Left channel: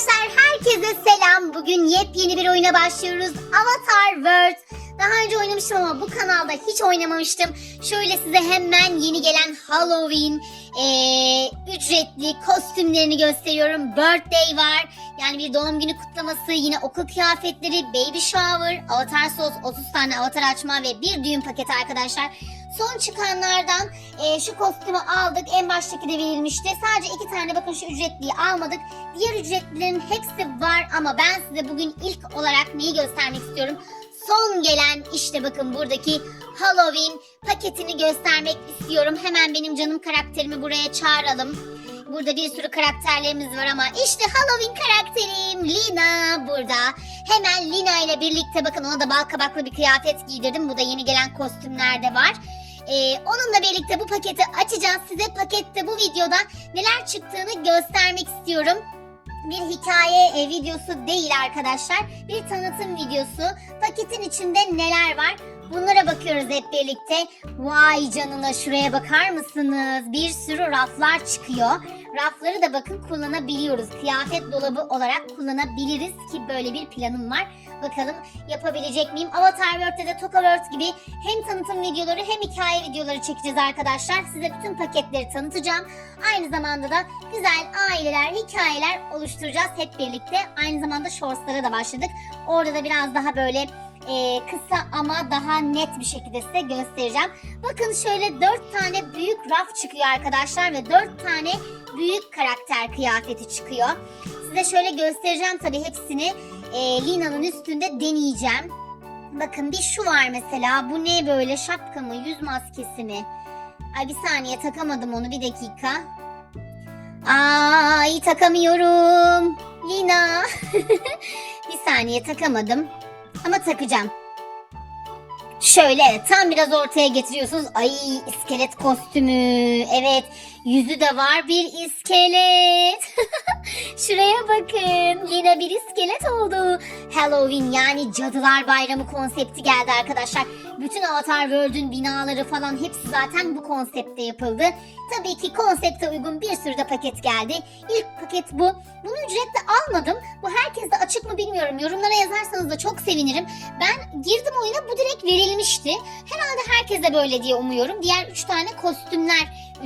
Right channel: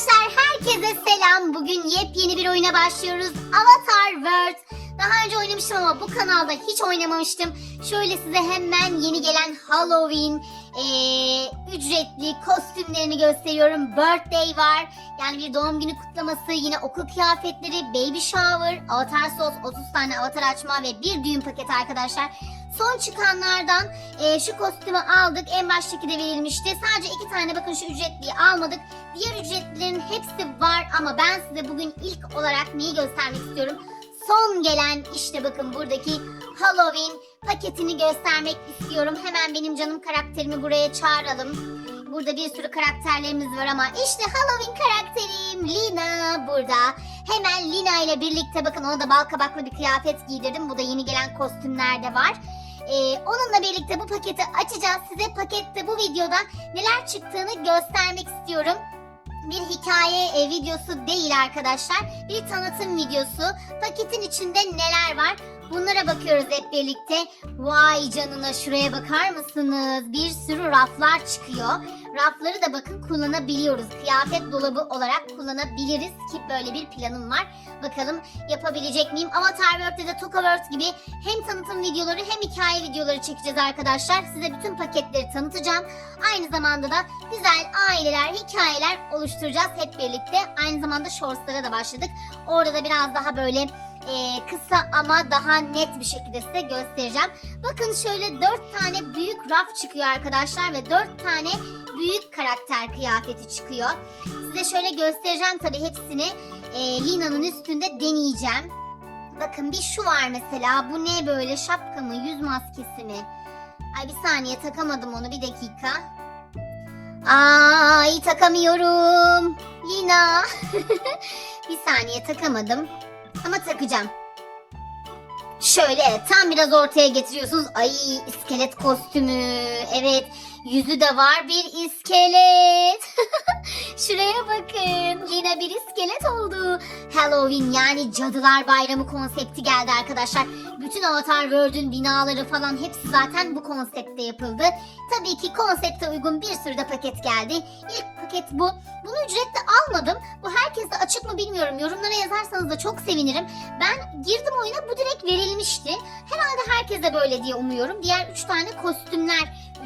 Arkadaşlar herkese selam. Bugün yepyeni bir oyuna başlıyoruz. Avatar World. Daha önce oynamıştım ama bu kanalda hiç oynamamıştım. Şöyle size hemen yeni gelen Halloween eee, ücretli kostümlerini gösteriyorum. Birthday var. Yani bir doğum günü kutlaması, yine okul kıyafetleri, baby shower, avatar sos, 30 tane avatar açma ve bir düğün paketi arkadaşlar. Son çıkanlardan e, şu kostümü aldık. En baştaki de verilmişti. Sadece iki tane bakın şu ücretliyi almadık. Diğer ücretlilerin hepsi var ama ben size bugün ilk olarak neyi göstermek istiyorum? Son gelen işte bakın buradaki Halloween paketini göstermek istiyorum. Hemen benim canım karakterimi buraya çağıralım. Burada bir sürü karakterlerimiz var ama işte Halloween karakterim Lina burada. Hemen Lina ile birlikte bakın ona da bal kabaklı bir kıyafet giydirdim. Bu da yeni gelen kostümler de var. Ee, onunla birlikte bu paketi açacağız. Size pakette bu videoda neler çıktığını göstermek istiyorum. Bir hikaye e, videosu değil arkadaşlar. Bir tanıtım videosu. Paketin içinde neler var? Bunlara bakıyoruz hep birlikte. Vay canına şuraya bakar mısınız? Bir sürü raflar çıkıyor. Rafları da bakın kullanabiliyoruz. Kıyafet dolabı olarak kullanabiliriz ki böyle bir planım var. Bakalım yapabilecek miyim? Avatar World'de de Toka World gibi hem tanıtım videoları hem hikaye videoları çekeceğiz arkadaşlar. Size bütün paketleri tanıtacağım. Aynı zamanda da güzel aileler, hikayeler oluşturacağız hep birlikte. Aynı zamanda shortslara da başladık. Orada da biraz daha böyle e, kısa ama daha net bir şekilde size göstereceğim. Bakın şöyle dört tane büyük raf çıkıyor arkadaşlar ve dört tane büyük karakter kıyafeti çıkıyor. Size şöyle göstereceğim tabii hepsini. E, Lina'nın üstünde deneyeceğim. Bakın bir şu var mesela. Bu ne böyle şapka mı, yüz maskesi mi? Ay bir saniye takamadım onu bir dakika. Ay takamıyorum. Lina. bir saniye takamadım. Ama takacağım. Şöyle tam biraz ortaya getiriyorsunuz. Ay iskelet kostümü. Evet yüzü de var bir iskelet. Şuraya bakın. Yine bir iskelet oldu. Halloween yani Cadılar Bayramı konsepti geldi arkadaşlar. Bütün Avatar World'ün binaları falan hepsi zaten bu konseptte yapıldı. Tabii ki konsepte uygun bir sürü de paket geldi. İlk paket bu. Bunu ücretle almadım. Bu herkeste açık mı bilmiyorum. Yorumlara yazarsanız da çok sevinirim. Ben girdim oyuna bu direkt verilmişti. Herhalde herkese böyle diye umuyorum. Diğer 3 tane kostümler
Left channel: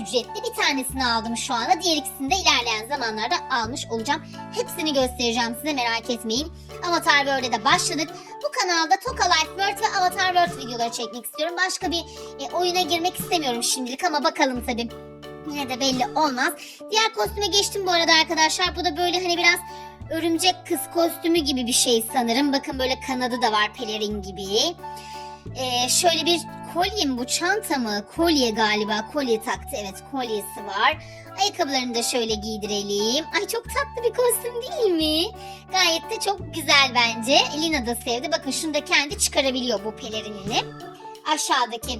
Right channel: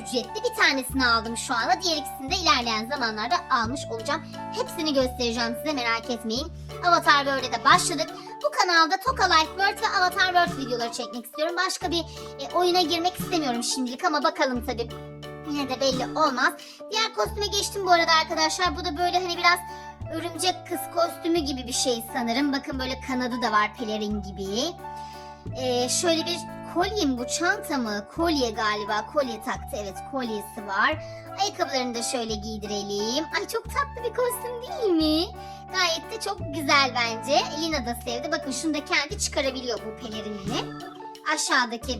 ücretli. Bir tanesini aldım şu anda. Diğer ikisini de ilerleyen zamanlarda almış olacağım. Hepsini göstereceğim size merak etmeyin. Avatar World'e de başladık. Bu kanalda Toka Life World ve Avatar World videoları çekmek istiyorum. Başka bir e, oyuna girmek istemiyorum şimdilik ama bakalım tabii. Yine de belli olmaz. Diğer kostüme geçtim bu arada arkadaşlar. Bu da böyle hani biraz örümcek kız kostümü gibi bir şey sanırım. Bakın böyle kanadı da var pelerin gibi. Ee, şöyle bir kolye mi bu çanta mı? Kolye galiba. Kolye taktı evet kolyesi var. Ayakkabılarını da şöyle giydirelim. Ay çok tatlı bir kostüm değil mi? Gayet de çok güzel bence. Elina da sevdi. Bakın şunu da kendi çıkarabiliyor bu pelerinini. Aşağıdaki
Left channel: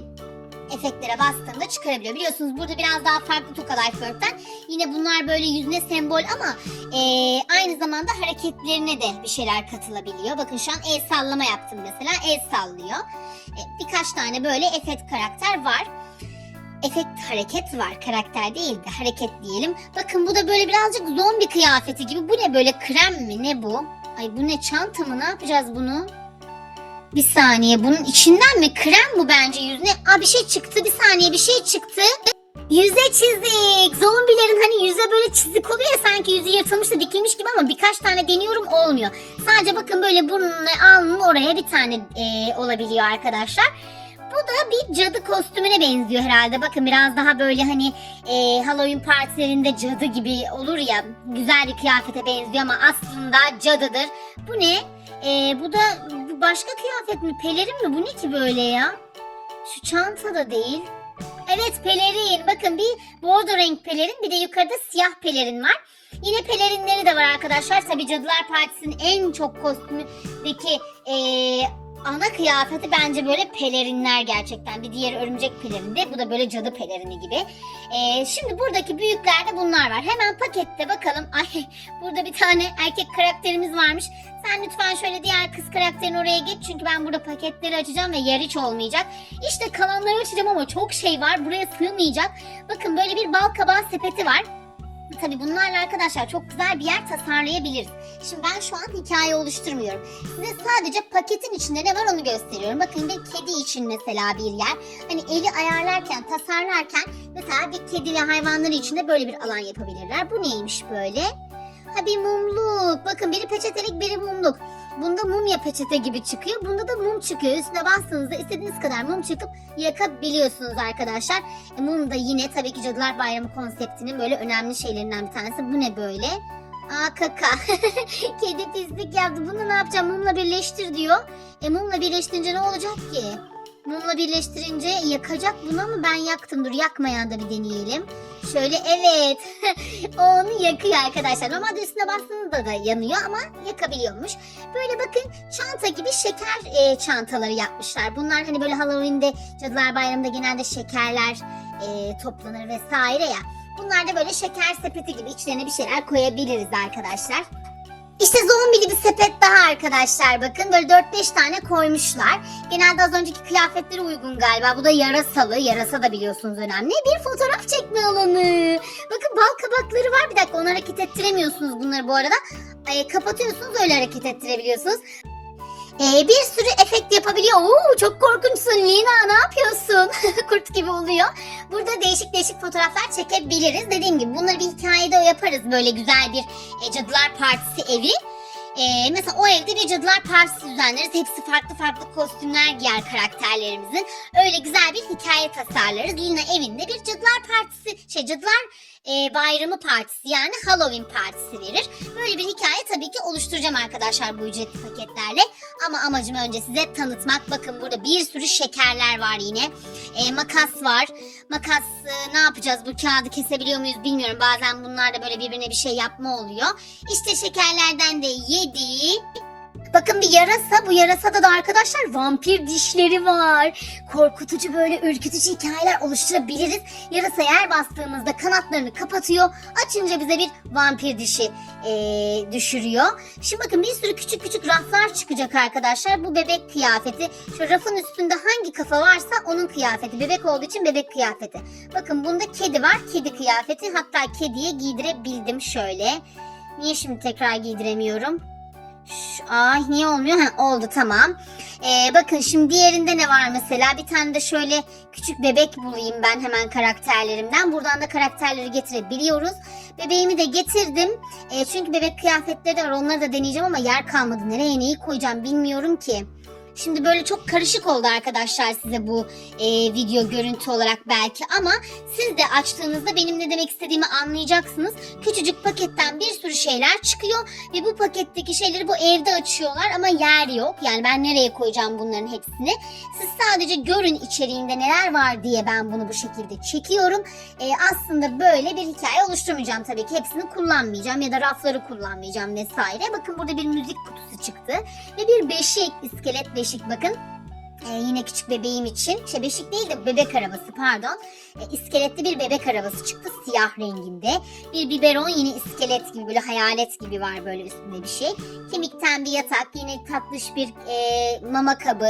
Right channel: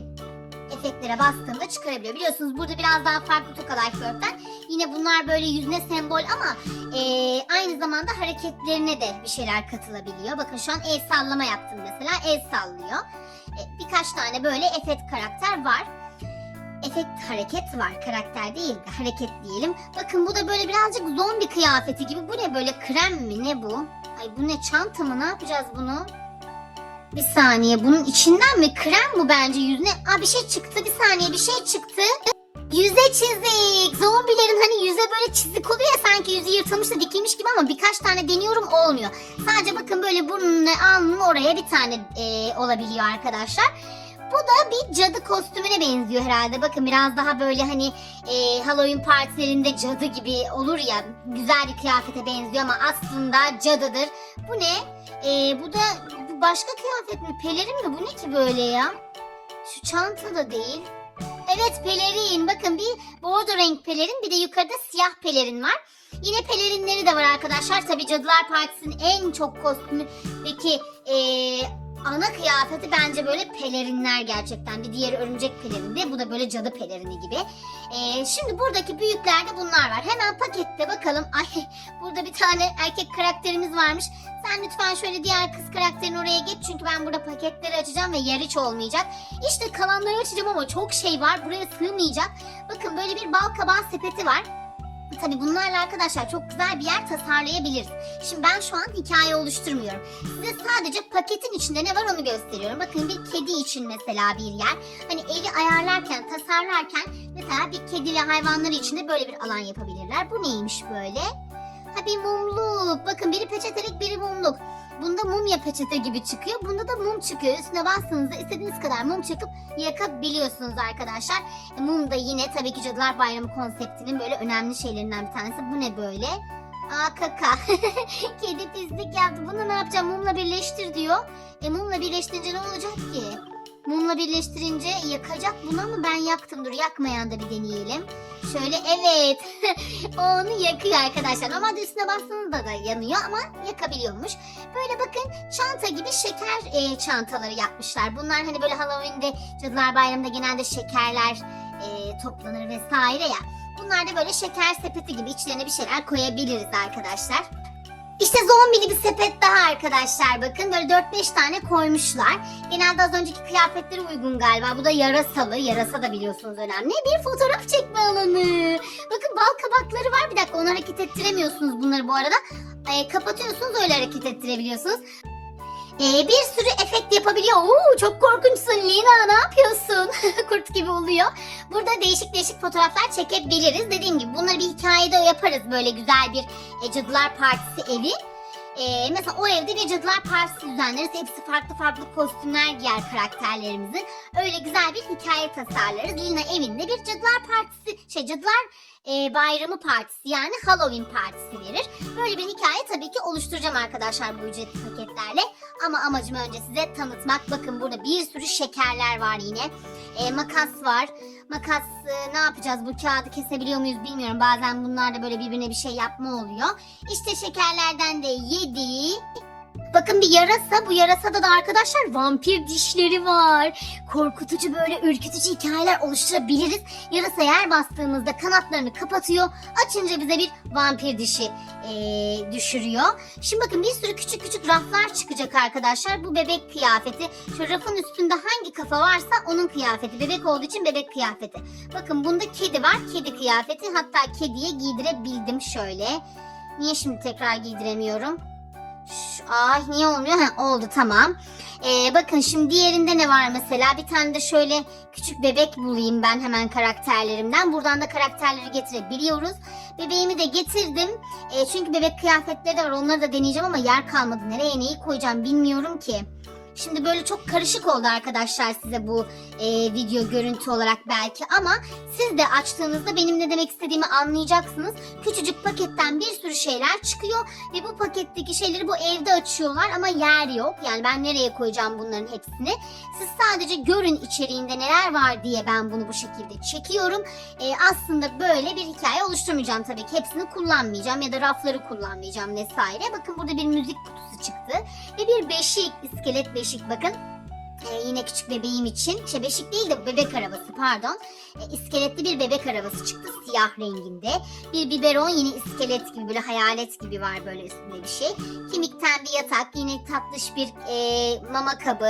efektlere bastığında çıkarabiliyor. Biliyorsunuz burada biraz daha farklı Toka Life World'den. Yine bunlar böyle yüzüne sembol ama eee, aynı zamanda hareketlerine de bir şeyler katılabiliyor. Bakın şu an el sallama yaptım mesela. El sallıyor. E, birkaç tane böyle efekt karakter var. Efekt hareket var. Karakter değil de hareket diyelim. Bakın bu da böyle birazcık zombi kıyafeti gibi. Bu ne böyle krem mi? Ne bu? Ay bu ne çanta mı? Ne yapacağız bunu? Bir saniye bunun içinden mi? Krem bu bence yüzüne. Aa bir şey çıktı bir saniye bir şey çıktı. Yüze çizik. Zombilerin hani yüze böyle çizik oluyor ya sanki yüzü yırtılmış da dikilmiş gibi ama birkaç tane deniyorum olmuyor. Sadece bakın böyle burnunu alnının oraya bir tane e, olabiliyor arkadaşlar. Bu da bir cadı kostümüne benziyor herhalde. Bakın biraz daha böyle hani e, Halloween partilerinde cadı gibi olur ya. Güzel bir kıyafete benziyor ama aslında cadıdır. Bu ne? E, bu da bu başka kıyafet mi? Pelerin mi? Bu ne ki böyle ya? Şu çanta da değil. Evet pelerin. Bakın bir bordo renk pelerin bir de yukarıda siyah pelerin var. Yine pelerinleri de var arkadaşlar. Tabii Cadılar Partisi'nin en çok kostümündeki eee, ana kıyafeti bence böyle pelerinler gerçekten. Bir diğeri örümcek pelerinde. Bu da böyle cadı pelerini gibi. Eee, şimdi buradaki büyüklerde bunlar var. Hemen pakette bakalım. Ay burada bir tane erkek karakterimiz varmış. Sen lütfen şöyle diğer kız karakterin oraya geç. Çünkü ben burada paketleri açacağım ve yer hiç olmayacak. İşte kalanları açacağım ama çok şey var. Buraya sığmayacak. Bakın böyle bir bal sepeti var. Tabii bunlarla arkadaşlar çok güzel bir yer tasarlayabiliriz. Şimdi ben şu an hikaye oluşturmuyorum. Size sadece paketin içinde ne var onu gösteriyorum. Bakın bir kedi için mesela bir yer. Hani evi ayarlarken, tasarlarken mesela bir kedi ve hayvanları için de böyle bir alan yapabilirler. Bu neymiş böyle? Ha bir mumluk. Bakın biri peçetelik, biri mumluk. Bunda mumya peçete gibi çıkıyor. Bunda da mum çıkıyor. Üstüne bastığınızda istediğiniz kadar mum çıkıp yakabiliyorsunuz arkadaşlar. E, mum da yine tabii ki Cadılar Bayramı konseptinin böyle önemli şeylerinden bir tanesi. Bu ne böyle? Aa kaka. Kedi pislik yaptı. Bunu ne yapacağım? Mumla birleştir diyor. E mumla birleştirince ne olacak ki? Mumla birleştirince yakacak bunu ama ben yaktım. Dur yakmayan da bir deneyelim. Şöyle evet. onu yakıyor arkadaşlar. Normalde üstüne bastığınızda da yanıyor ama yakabiliyormuş. Böyle bakın çanta gibi şeker e, çantaları yapmışlar. Bunlar hani böyle Halloween'de Cadılar Bayramı'nda genelde şekerler e, toplanır vesaire ya. Bunlar da böyle şeker sepeti gibi içlerine bir şeyler koyabiliriz arkadaşlar. İşte zombili bir sepet daha arkadaşlar bakın böyle 4-5 tane koymuşlar. Genelde az önceki kıyafetlere uygun galiba. Bu da yarasalı. Yarasa da biliyorsunuz önemli. Bir fotoğraf çekme alanı. Bakın bal kabakları var. Bir dakika onu hareket ettiremiyorsunuz bunları bu arada. Ay, kapatıyorsunuz öyle hareket ettirebiliyorsunuz. Ee, bir sürü efekt yapabiliyor. Oo, çok korkunçsun Lina ne yapıyorsun? Kurt gibi oluyor. Burada değişik değişik fotoğraflar çekebiliriz. Dediğim gibi bunları bir hikayede yaparız. Böyle güzel bir e, Cadılar Partisi evi. Ee, mesela o evde bir Cadılar Partisi düzenleriz. Hepsi farklı farklı kostümler giyer karakterlerimizin. Öyle güzel bir hikaye tasarlarız. Lina evinde bir Cadılar Partisi, şey Cadılar e, Bayramı Partisi yani Halloween Partisi verir. Böyle bir hikaye tabii ki oluşturacağım arkadaşlar bu ücretli paketlerle. Ama amacım önce size tanıtmak. Bakın burada bir sürü şekerler var yine. E, makas var. Makas e, ne yapacağız? Bu kağıdı kesebiliyor muyuz bilmiyorum. Bazen bunlar da böyle birbirine bir şey yapma oluyor. İşte şekerlerden de yedi. Bakın bir yarasa. Bu yarasada da arkadaşlar vampir dişleri var. Korkutucu böyle ürkütücü hikayeler oluşturabiliriz. Yarasa yer bastığımızda kanatlarını kapatıyor. Açınca bize bir vampir dişi eee, düşürüyor. Şimdi bakın bir sürü küçük küçük raflar çıkacak arkadaşlar. Bu bebek kıyafeti. Şu rafın üstünde hangi kafa varsa onun kıyafeti. Bebek olduğu için bebek kıyafeti. Bakın bunda kedi var. Kedi kıyafeti. Hatta kediye giydirebildim şöyle. Niye şimdi tekrar giydiremiyorum? Ay niye olmuyor? Ha, oldu tamam. Ee, bakın şimdi diğerinde ne var mesela? Bir tane de şöyle küçük bebek bulayım ben hemen karakterlerimden. Buradan da karakterleri getirebiliyoruz. Bebeğimi de getirdim. Ee, çünkü bebek kıyafetleri de var. Onları da deneyeceğim ama yer kalmadı. Nereye neyi koyacağım bilmiyorum ki. Şimdi böyle çok karışık oldu arkadaşlar size bu e, video görüntü olarak belki ama siz de açtığınızda benim ne demek istediğimi anlayacaksınız. Küçücük paketten bir sürü şeyler çıkıyor ve bu paketteki şeyleri bu evde açıyorlar ama yer yok. Yani ben nereye koyacağım bunların hepsini? Siz sadece görün içeriğinde neler var diye ben bunu bu şekilde çekiyorum. E, aslında böyle bir hikaye oluşturmayacağım tabii ki. Hepsini kullanmayacağım ya da rafları kullanmayacağım vesaire. Bakın burada bir müzik kutusu çıktı ve bir beşik, iskelet beşik bakın. Ee, yine küçük bebeğim için. Şey beşik değil de bebek arabası pardon. Ee, iskeletli bir bebek arabası çıktı siyah renginde. Bir biberon yine iskelet gibi böyle hayalet gibi var böyle üstünde bir şey. Kemikten bir yatak yine tatlış bir e, mama kabı.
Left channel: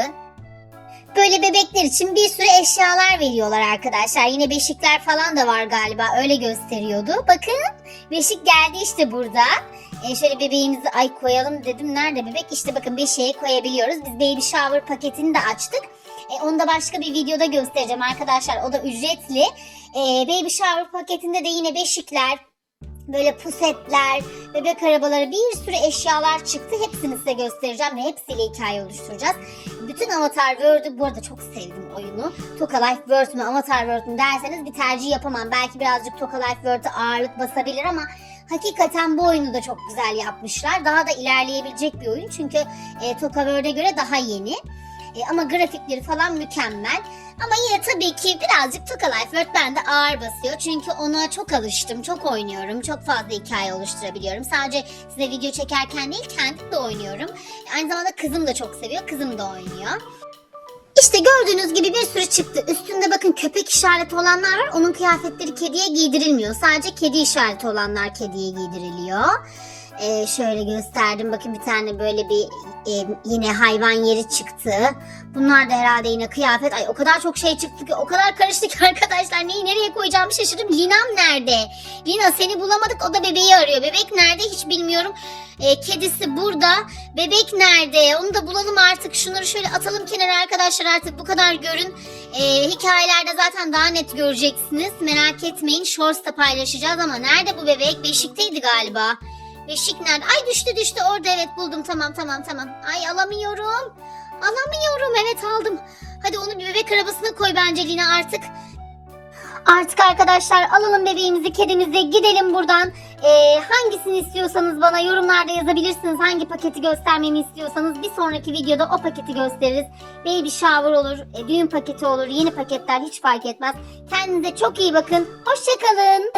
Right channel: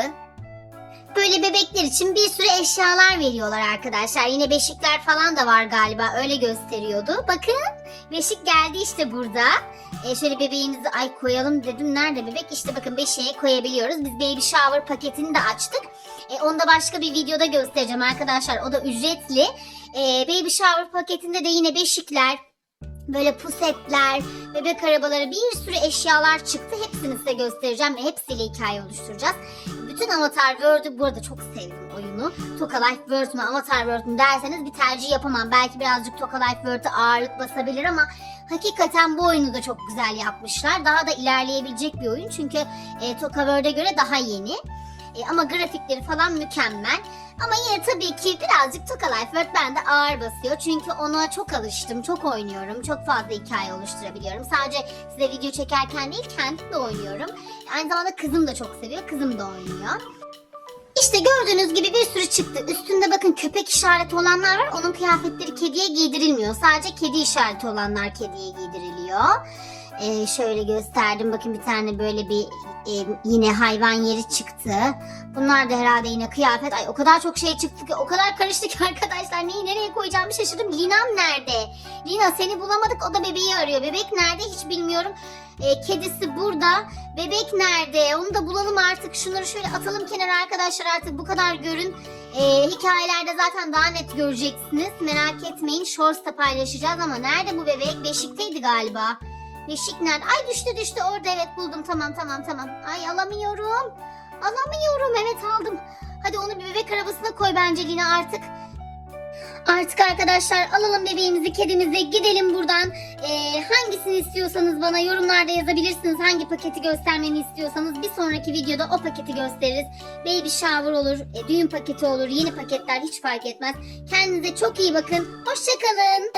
Böyle bebekler için bir sürü eşyalar veriyorlar arkadaşlar. Yine beşikler falan da var galiba öyle gösteriyordu. Bakın beşik geldi işte burada. E, şöyle bebeğimizi ay koyalım dedim. Nerede bebek? İşte bakın beşiğe koyabiliyoruz. Biz baby shower paketini de açtık. E, onu da başka bir videoda göstereceğim arkadaşlar. O da ücretli. E, baby shower paketinde de yine beşikler, böyle pusetler, bebek arabaları bir sürü eşyalar çıktı. Hepsini size göstereceğim ve hepsiyle hikaye oluşturacağız. Bütün Avatar World'ü bu arada çok sevdim oyunu. Toka Life World mü Avatar World mü derseniz bir tercih yapamam. Belki birazcık Toka Life World'e ağırlık basabilir ama hakikaten bu oyunu da çok güzel yapmışlar. Daha da ilerleyebilecek bir oyun çünkü e, Toka World'e göre daha yeni. E, ama grafikleri falan mükemmel. Ama yine tabii ki birazcık Toka Life World bende ağır basıyor. Çünkü ona çok alıştım, çok oynuyorum. Çok fazla hikaye oluşturabiliyorum. Sadece size video çekerken değil kendim de oynuyorum. Aynı zamanda kızım da çok seviyor, kızım da oynuyor. İşte gördüğünüz gibi bir sürü çıktı. Üstünde bakın köpek işareti olanlar var. Onun kıyafetleri kediye giydirilmiyor. Sadece kedi işareti olanlar kediye giydiriliyor. Ee, şöyle gösterdim. Bakın bir tane böyle bir e, yine hayvan yeri çıktı. Bunlar da herhalde yine kıyafet. Ay o kadar çok şey çıktı ki o kadar karıştı ki arkadaşlar. Neyi nereye koyacağımı şaşırdım. Linam nerede? Lina seni bulamadık. O da bebeği arıyor. Bebek nerede hiç bilmiyorum. Ee, kedisi burada. Bebek nerede? Onu da bulalım artık. Şunları şöyle atalım kenara arkadaşlar artık bu kadar görün. Ee, hikayelerde zaten daha net göreceksiniz. Merak etmeyin. Shorts'ta paylaşacağız ama nerede bu bebek? Beşikteydi galiba. Beşik nerede? Ay düştü düştü orada evet buldum tamam tamam tamam. Ay alamıyorum. Alamıyorum evet aldım. Hadi onu bir bebek arabasına koy bence Lina artık. Artık arkadaşlar alalım bebeğimizi kedimizi gidelim buradan. Ee, hangisini istiyorsanız bana yorumlarda yazabilirsiniz. Hangi paketi göstermemi istiyorsanız bir sonraki videoda o paketi gösteririz. Baby shower olur, e, düğün paketi olur, yeni paketler hiç fark etmez. Kendinize çok iyi bakın. Hoşçakalın.